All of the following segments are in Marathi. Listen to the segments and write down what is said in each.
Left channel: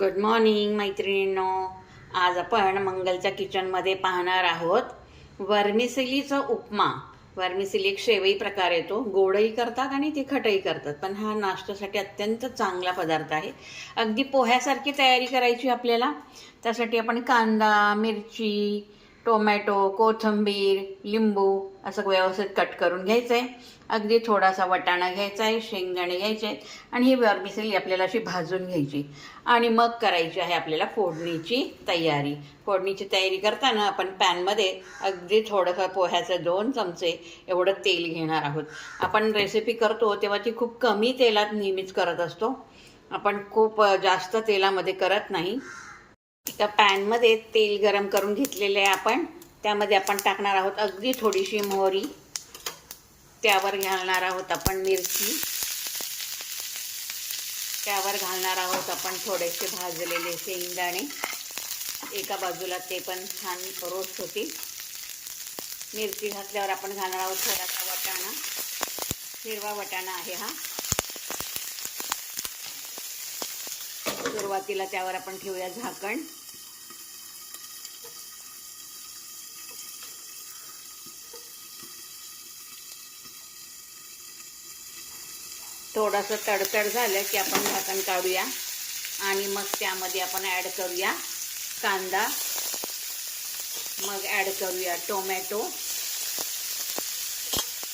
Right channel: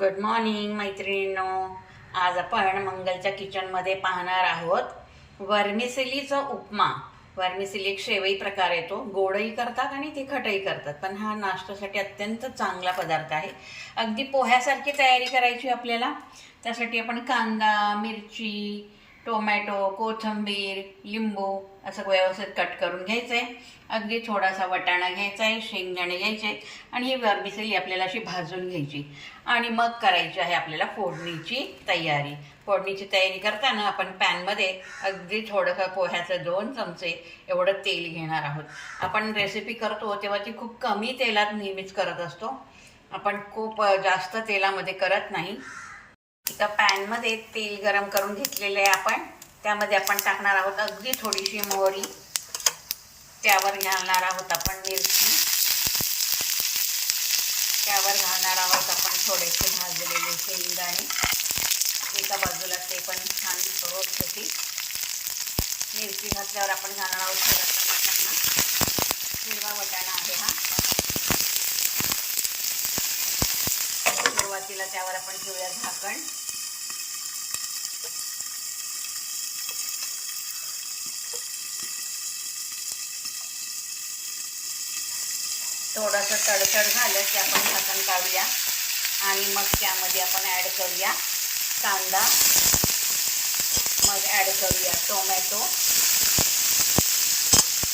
गुड मॉर्निंग मैत्रिणींनो. आज आपण मंगलच्या किचनमध्ये पाहणार आहोत वर्मिसेलीचा उपमा. वर्मिसेली एक शेवई प्रकार येतो, गोडही करतात आणि तिखटही करतात, पण हा नाश्त्यासाठी अत्यंत चांगला पदार्थ आहे. अगदी पोह्यासारखी तयारी करायची आपल्याला. त्यासाठी आपण कांदा, मिरची, टोमॅटो, कोथिंबीर, लिंबू असं व्यवस्थित कट करून घ्यायचं आहे. अगदी थोडासा वटाणा घ्यायचा आहे, शेंगदाणे घ्यायचे आहेत आणि ही वर्मिसेली आपल्याला अशी भाजून घ्यायची आणि मग करायची आहे आपल्याला फोडणीची तयारी. फोडणीची तयारी करताना आपण पॅनमध्ये अगदी थोडंसं पोह्याचं 2 चमचे एवढं तेल घेणार आहोत. आपण रेसिपी करतो तेव्हा ती खूप कमी तेलात नेहमीच करत असतो, आपण खूप जास्त तेलामध्ये करत नाही. एका पॅनमध्ये तेल गरम करून घेतलेले आहे आपण. त्यामध्ये आपण टाकणार आहोत अगदी थोडीशी मोहरी, त्यावर घालणार आहोत आपण मिरची, त्यावर घालणार आहोत आपण थोडेसे भाजलेले शेंगदाणे. एका बाजूला ते पण छान रोस्ट होतील. मिरची घातल्यावर आपण घालणार आहोत थोडासा वटाणा, हिरवा वटाणा आहे हा. सुरुवातीला त्यावर आपण ठेवूया झाकण. थोडंसं तडतड झालं की आपण झाकण काढूया आणि मग त्यामध्ये आपण ॲड करूया कांदा, मग ॲड करूया टोमॅटो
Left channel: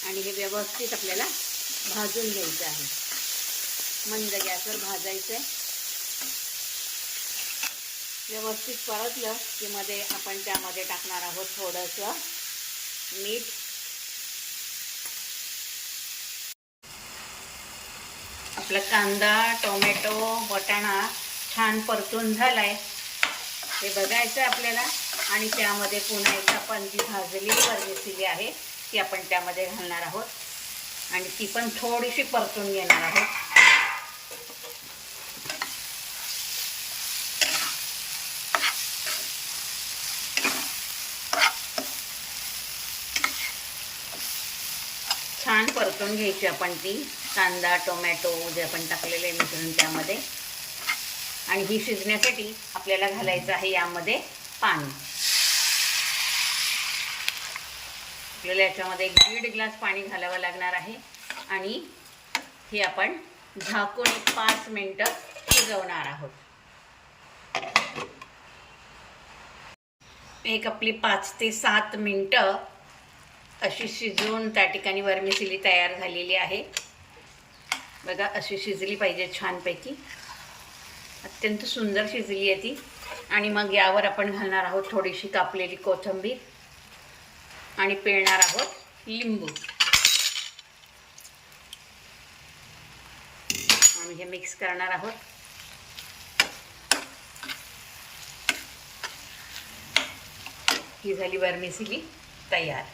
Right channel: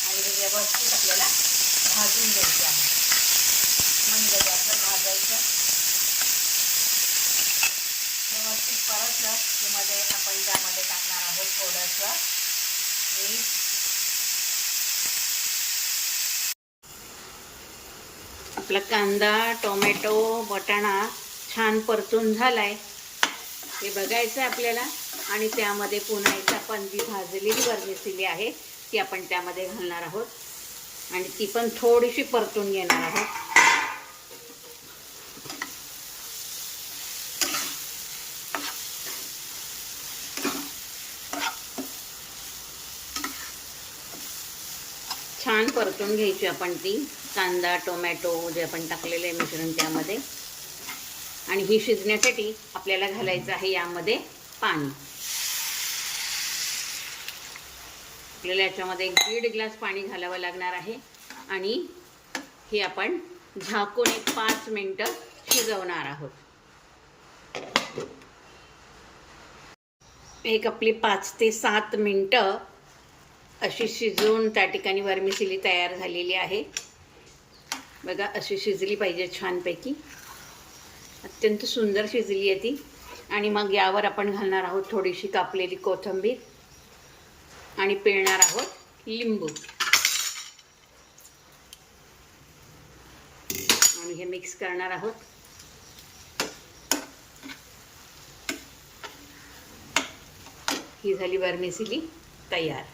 आणि हे व्यवस्थित आपल्याला भाजून घ्यायचं आहे. मंद गॅसवर भाजायचं. व्यवस्थित परतलं की मध्ये आपण त्यामध्ये टाकणार आहोत थोडंसं मीठ. आपला कांदा, टोमॅटो, वटाणा छान परतून झाला आहे हे बघायचं आपल्याला. आणि त्यामध्ये पुन्हा एक आपण जी भाजलेली वर्मिसेली आहे ती आपण त्यामध्ये घालणार आहोत आणि ती पण थोडीशी परतून घेणार आहोत. छान परतून घ्यायची आपण ती कांदा, टोमॅटो जे आपण टाकलेले मिश्रण त्यामध्ये. आणि ही शिजण्यासाठी आपल्याला घालायचं आहे यामध्ये पाणी. आपल्याला याच्यामध्ये 1.5 ग्लास पाणी घालावं लागणार आहे आणि हे आपण झाकून 5 मिनिटं शिजवणार आहोत. आपली 5 ते 7 मिनिटं अशी शिजवून त्या ठिकाणी वर्मिसेली तयार झालेली आहे. बघा अशी शिजली पाहिजे छानपैकी. अत्यंत सुंदर शिजली आहे ती. आणि मग यावर आपण घालणार आहोत थोडीशी कापलेली कोथिंबीर आणि पिळणार आहोत लिंबू आणि हे मिक्स करणार आहोत. ही झाली वर्मिसेली तयार.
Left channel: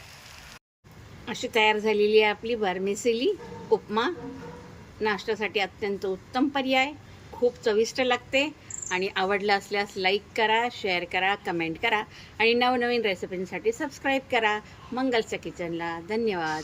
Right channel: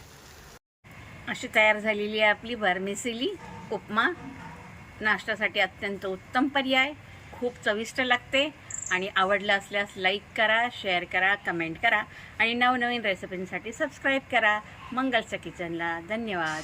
अशी तयार झालेली आहे आपली वर्मिसेली उपमा. नाश्त्यासाठी अत्यंत उत्तम पर्याय, खूप चविष्ट लागते. आणि आवडलं असल्यास लाईक करा, शेअर करा, कमेंट करा आणि नवनवीन रेसिपींसाठी सबस्क्राईब करा मंगलच्या किचनला. धन्यवाद.